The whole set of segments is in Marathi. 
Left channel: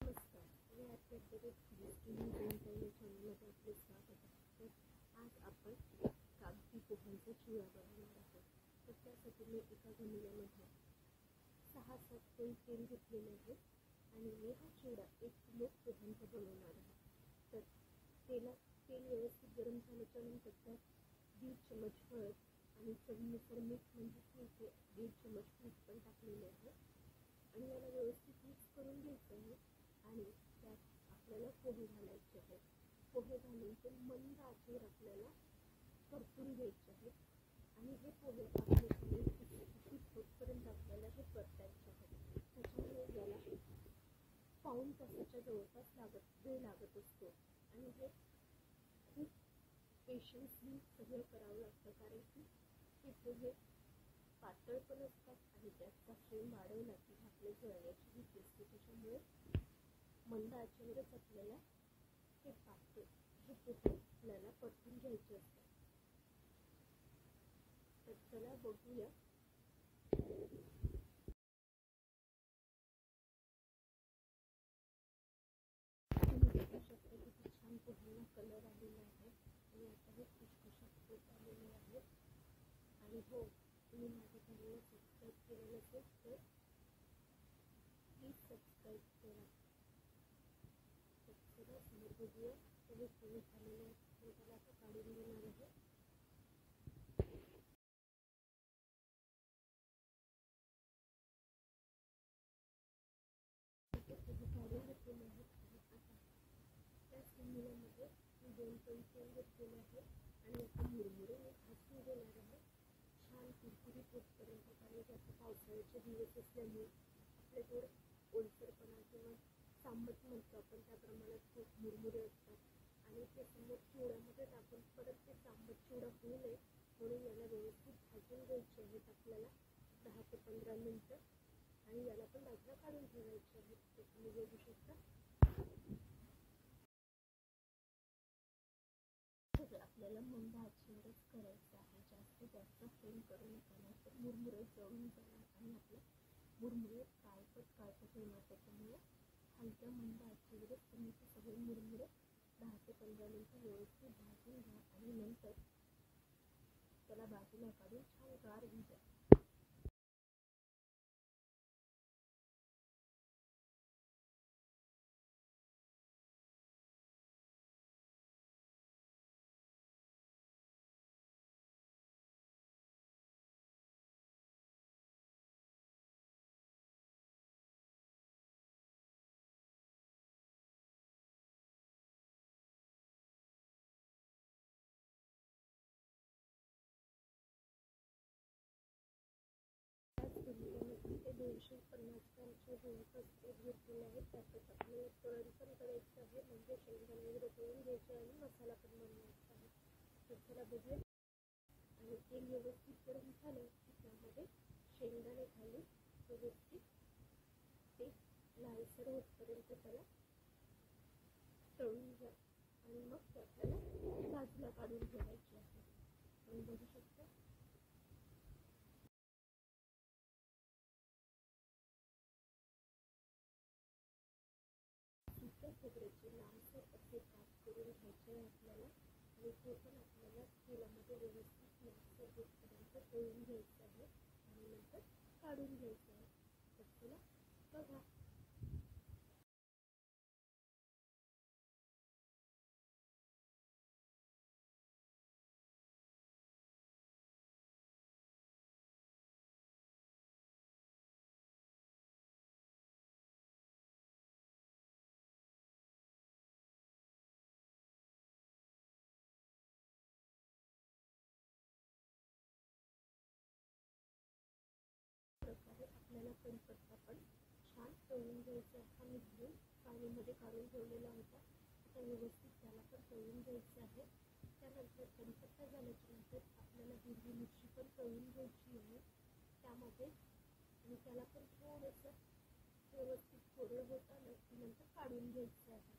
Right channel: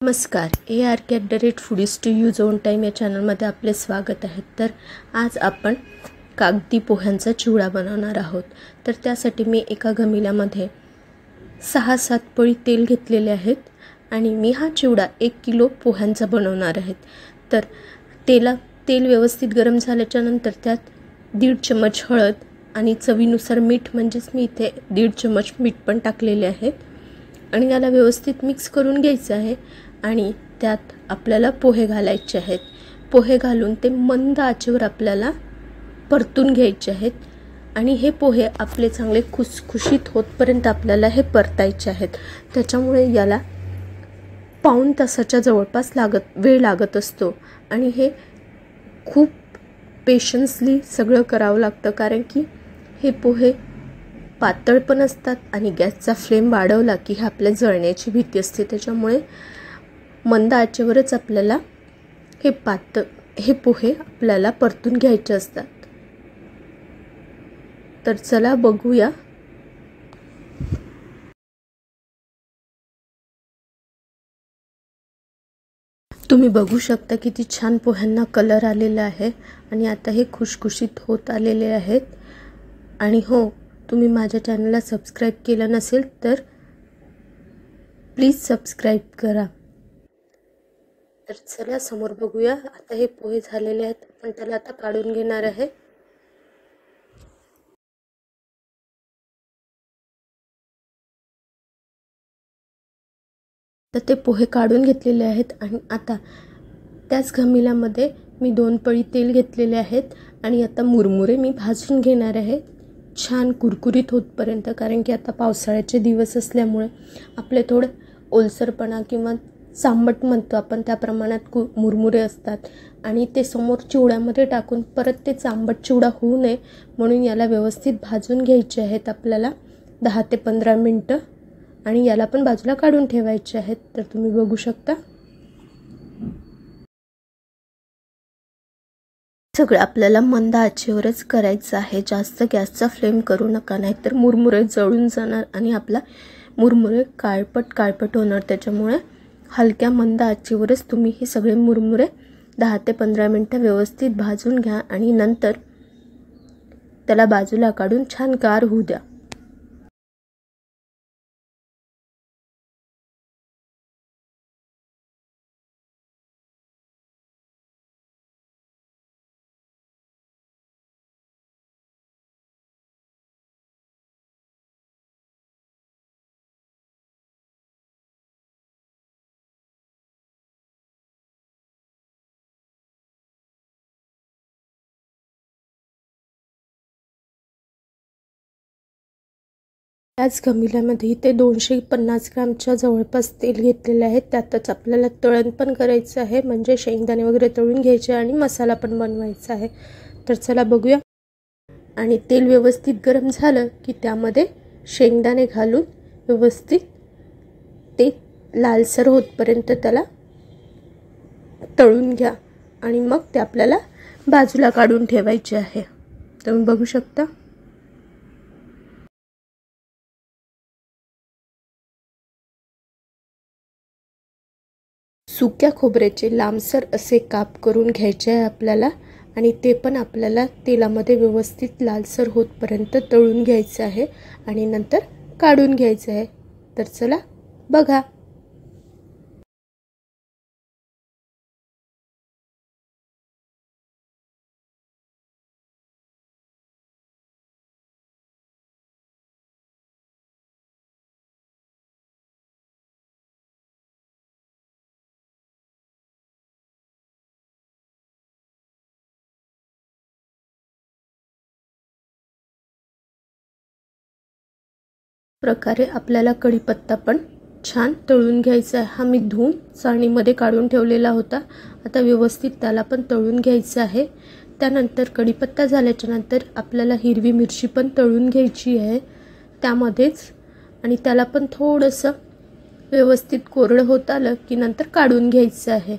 नमस्कार, ARK@foodies to use own time या चॅनलमध्ये आपले स्वागत आहे। तर आज आपण कागदी पोह्यांचा चिवडा बनवणार आहोत। तर त्यासाठी मी एका घमिल्यामध्ये 6-7 पळी तेल घेतलेले आहेत आणि मी हा चिवडा 1 किलो पोह्यांचा बनवणार आहे। तर तेल व्यवस्थित गरम झाल्याच्या नंतर त्यात 1.5 चमच हळद आणि चवीनुसार मीठ, म्हणजेच मी इथे 1.5 चमच मीठ पण टाकलेले आहे आणि याला व्यवस्थित मिक्स करून घ्यायचं आहे। आणि त्यात आपल्याला पोहे घालायचे आहेत। पोहे घालून ते मंद आचेवर आपल्याला परतून घ्यायचे आहेत आणि हे पोहे आपले चांगले खुसखुशीत होतपर्यंत आपल्याला हे परतायचे आहेत। त्याच्यामुळे याला पाऊण तासाच्या जवळपास वेळ लागत असतो आणि हे खूप पेशन्सली सगळं करावं लागतं, कारण की हे पोहे पातळ पण असतात आणि गॅसचा फ्लेम वाढवला की हे आपल्या जळण्याची भीती असते। त्याच्यामुळे मंद आचेवरच आपल्याला हे पोहे आपल्याला परतून घ्यायचे असतात। तर चला बघूया। तुम्ही बघू शकता किती छान पोह्यांना कलर आलेला आहे आणि आता हे खुशखुशीत होत आलेले आहेत। आणि हो, तुम्ही माझ्या चॅनलला सबस्क्राइब केलं नसेल तर प्लीज सबस्क्राइब करा। तर चला समोर बघूया। आता हे पोहे झालेले आहेत, आपण त्याला आता काढून घेणार आहे। तर ते पोहे काढून घेतलेले आहेत आणि आता त्याच घमिल्यामध्ये मी 2 पळी तेल घेतलेले आहेत आणि आता मुरमुरे मी भाजून घेणार आहे, छान कुरकुरीत होतपर्यंत। कारण की आता पावसाळ्याचे दिवस असल्यामुळे आपले थोडे ओलसरपणा किंवा चांबट म्हणतो आपण त्या प्रमाणात मुरमुरे असतात आणि ते समोर चिवड्यामध्ये टाकून परत ते चांबट चिवडा होऊ नये म्हणून याला व्यवस्थित भाजून घ्यायचे आहेत आपल्याला 10 ते 15 मिनिटं आणि याला पण बाजूला काढून ठेवायचे आहेत। तर तुम्ही बघू शकता सगळं आपल्याला मंद आचेवरच करायचं आहे, जास्त गॅसचा फ्लेम करू नका, नाहीतर मुरमुरे जळून जाणार आणि आपला मुरमुरे काळपट होणार। त्याच्यामुळे हलक्या मंद आचेवरच तुम्ही हे सगळे मुरमुरे 10 ते 15 मिनिटं व्यवस्थित भाजून घ्या आणि नंतर त्याला बाजूला काढून छान गार होऊ द्या। त्याच घमिल्यामध्ये ते 250 ग्रामच्या जवळपास तेल घेतलेले आहे। त्यातच आपल्याला तळण पण करायचं आहे, म्हणजे शेंगदाणे वगैरे तळून घ्यायचे आणि मसाला पण बनवायचा आहे। तर चला बघूया। आणि तेल व्यवस्थित गरम झालं की त्यामध्ये शेंगदाणे घालून व्यवस्थित ते लालसर होतपर्यंत त्याला तळून घ्या आणि मग ते आपल्याला बाजूला काढून ठेवायचे आहे। तुम्ही बघू शकता सुक्या खोबऱ्याचे लांबसर असे काप करून घ्यायचे आहे आपल्याला आणि ते पण आपल्याला तेलामध्ये व्यवस्थित लालसर होतपर्यंत तळून घ्यायचं आहे आणि नंतर काढून घ्यायचं आहे। तर चला बघा। प्रकारे आपल्याला कढीपत्ता पण छान तळून घ्यायचा आहे। हा मी धुवून चाळणीमध्ये काढून ठेवलेला होता। आता व्यवस्थित त्याला पण तळून घ्यायचं आहे। त्यानंतर कढीपत्ता झाल्याच्या नंतर आपल्याला हिरवी मिरची पण तळून घ्यायची आहे त्यामध्येच आणि त्याला पण थोडंसं व्यवस्थित कोरडं होत आलं की नंतर काढून घ्यायचं आहे।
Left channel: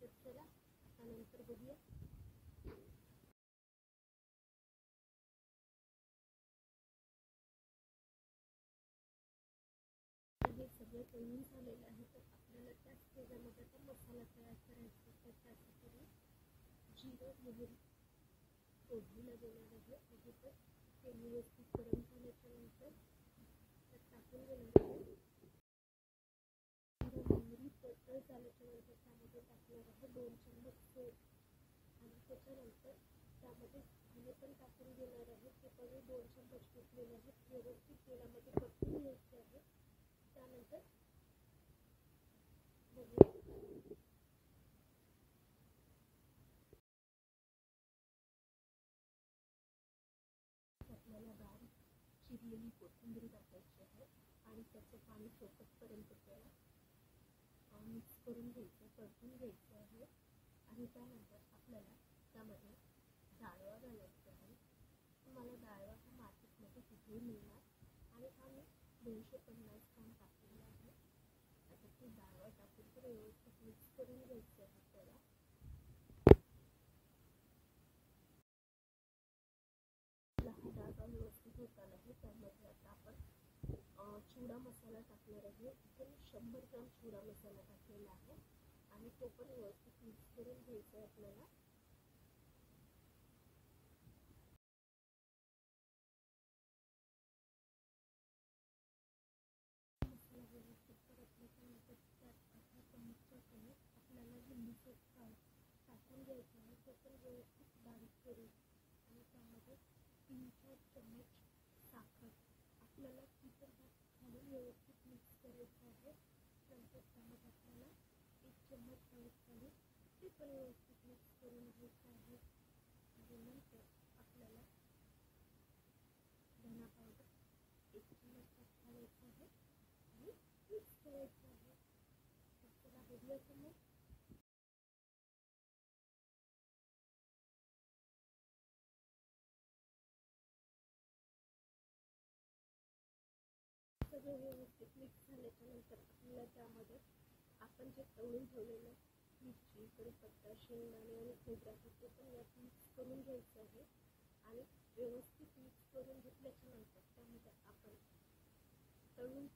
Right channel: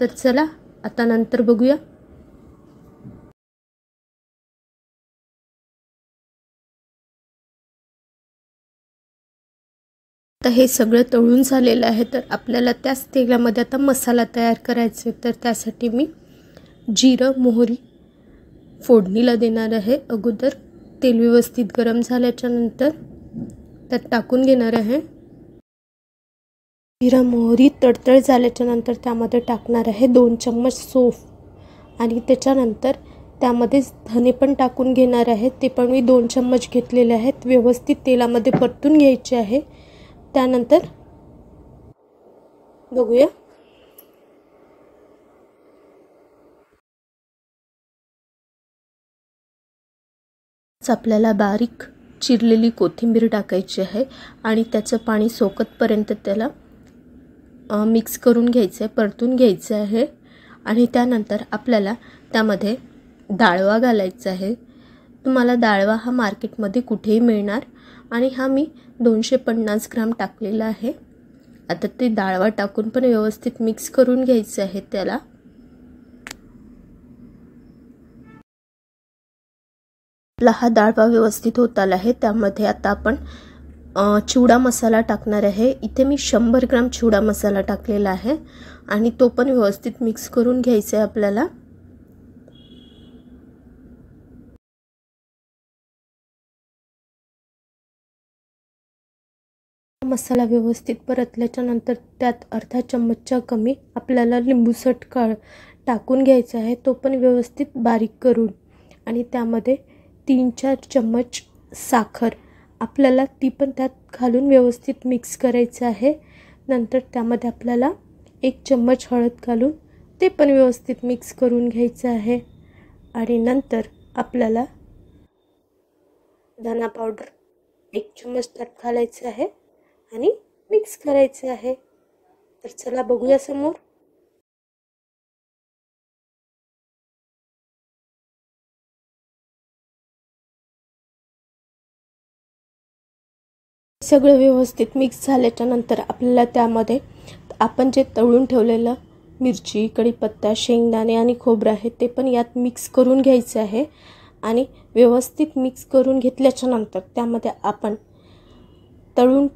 तर चला आता नंतर बघूया। आता हे सगळं तळून झालेलं आहे, तर आपल्याला त्याच तेलामध्ये आता मसाला तयार करायचा आहे। तर त्यासाठी मी जिरं मोहरी फोडणीला देणार आहे। अगोदर तेल व्यवस्थित गरम झाल्याच्या नंतर त्यात टाकून घेणार आहे। जिरं मोहरी तडतड झाल्याच्या नंतर त्यामध्ये टाकणार आहे 2 चम्मच सौंफ आणि त्याच्यानंतर त्यामध्ये धने पण टाकून घेणार आहे। ते पण मी 2 चम्मच घेतलेले आहेत। व्यवस्थित तेलामध्ये परतून घ्यायचे आहे। त्यानंतर बघूया आपल्याला बारीक चिरलेली कोथिंबीर टाकायची आहे आणि त्याचं पाणी सोकतपर्यंत त्याला मिक्स करून घ्यायचं आहे, परतून घ्यायचं आहे। आणि त्यानंतर आपल्याला त्यामध्ये डाळवा घालायचा आहे। तुम्हाला डाळवा हा मार्केटमध्ये कुठेही मिळणार आणि हा मी 250 ग्राम टाकलेला आहे। आता ते डाळवा टाकून पण व्यवस्थित मिक्स करून घ्यायचं आहे त्याला। आपला हा डाळवा व्यवस्थित होत आला आहे। त्यामध्ये आता आपण चिवडा मसाला टाकणार आहे। इथे मी 100 ग्राम चिवडा मसाला टाकलेला आहे आणि तो पण व्यवस्थित मिक्स करून घ्यायचा आहे आपल्याला। मसाला व्यवस्थित परतल्याच्या नंतर त्यात अर्धा चम्मचच्या कमी आपल्याला लिंबू सटका टाकून घ्यायचा आहे, तो पण व्यवस्थित बारीक करून। आणि त्यामध्ये 3-4 चम्मच साखर आपल्याला ती पण त्यात घालून व्यवस्थित मिक्स करायचं आहे। नंतर त्यामध्ये आपल्याला 1 चम्मच हळद घालून ते पण व्यवस्थित मिक्स करून घ्यायचं आहे। आणि नंतर आपल्याला धना पावडर 1 चम्मच त्यात घालायचं आहे आणि मिक्स करायचे आहे। तर चला बघूया समोर। सगळं व्यवस्थित मिक्स झाल्याच्या नंतर आपल्याला त्यामध्ये आपण जे तळून ठेवलेलं मिरची, कढीपत्ता, शेंगदाणे आणि खोबरं आहे ते पण यात मिक्स करून घ्यायचं आहे। आणि व्यवस्थित मिक्स करून घेतल्याच्या नंतर त्यामध्ये आपण तळून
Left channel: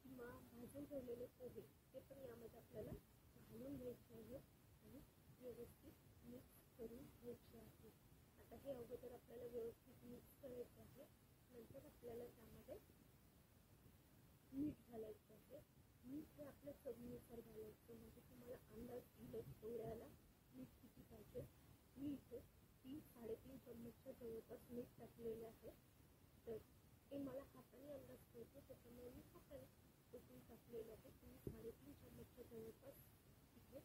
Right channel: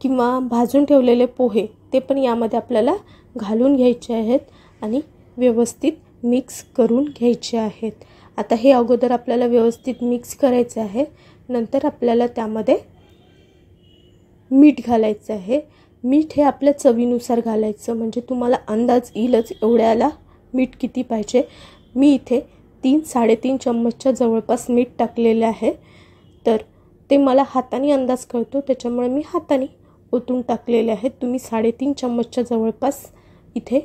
किंवा भाजून ठेवलेले पोहे ते पण यामध्ये आपल्याला घालून घ्यायचे आहेत आणि व्यवस्थित मिक्स करून घ्यायचे आहेत। आता हे अगोदर आपल्याला व्यवस्थित मिक्स करायचे आहे। नंतर आपल्याला त्यामध्ये मीठ घालायचं आहे। मीठ हे आपल्या चवीनुसार घालायचं, म्हणजे तुम्हाला अंदाज येईलच एवढ्याला मीठ किती पाहिजे। मी इथे 3-3.5 चम्मचच्या जवळपास मीठ टाकलेले आहे। तर ते मला हाताने अंदाज कळतो, त्याच्यामुळे मी हाताने ओतून टाकलेले आहेत। तुम्ही 3.5 चम्मचच्या जवळपास इथे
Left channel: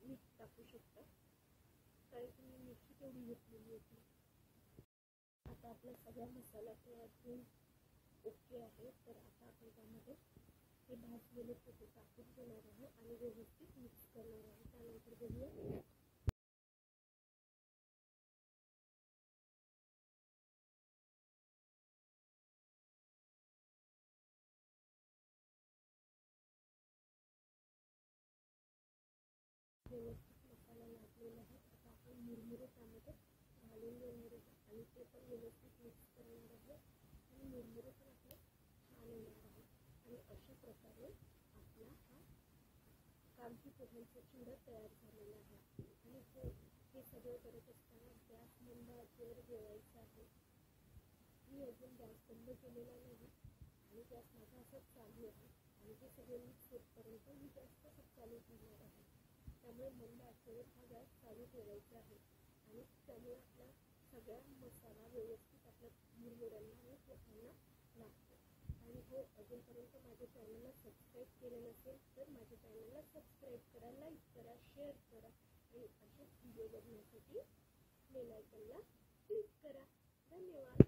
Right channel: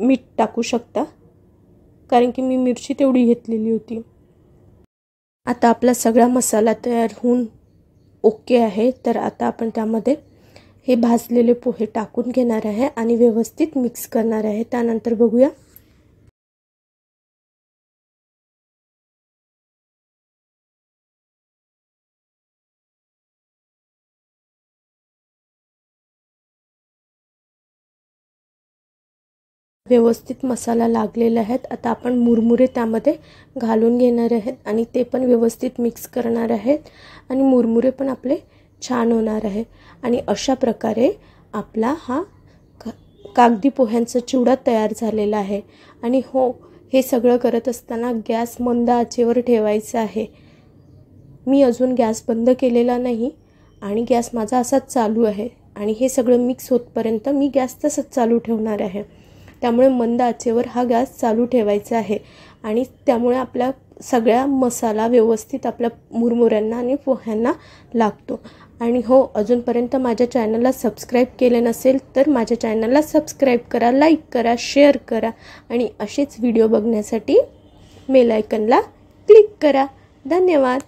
मीठ टाकू शकता, कारण की मी मिरची तेवढी घेतलेली होती। आता आपला सगळा मसाला तयार होऊन ओके आहे। तर आता आपण त्यामध्ये हे भाजलेले पोहे टाकून घेणार आहे आणि व्यवस्थित मिक्स करणार आहे। त्यानंतर बघूया व्यवस्थित मसाला लागलेला आहे। आता आपण मुरमुरे त्यामध्ये घालून घेणार आहेत आणि ते पण व्यवस्थित मिक्स करणार आहेत आणि मुरमुरे पण आपले छान होणार आहे। आणि अशा प्रकारे आपला हा कागदी पोह्यांचा चिवडा तयार झालेला आहे। आणि हो, हे सगळं करत असताना गॅस मंद आचेवर ठेवायचा आहे। मी अजून गॅस बंद केलेला नाही आणि गॅस माझा असाच चालू आहे आणि हे सगळं मिक्स होतपर्यंत मी गॅस तसंच चालू ठेवणार आहे। त्यामुळे मंद आचेवर हा गॅस चालू ठेवायचा आहे आणि त्यामुळे आपला सगळा मसाला व्यवस्थित आपल्या मुरमुऱ्यांना आणि पोह्यांना लागतो। आणि हो, अजूनपर्यंत माझ्या चॅनलला सबस्क्राईब केले नसेल तर माझ्या चॅनलला सबस्क्राईब करा, लाईक करा, शेअर करा आणि असेच व्हिडिओ बघण्यासाठी बेल आयकॉनला क्लिक करा। धन्यवाद।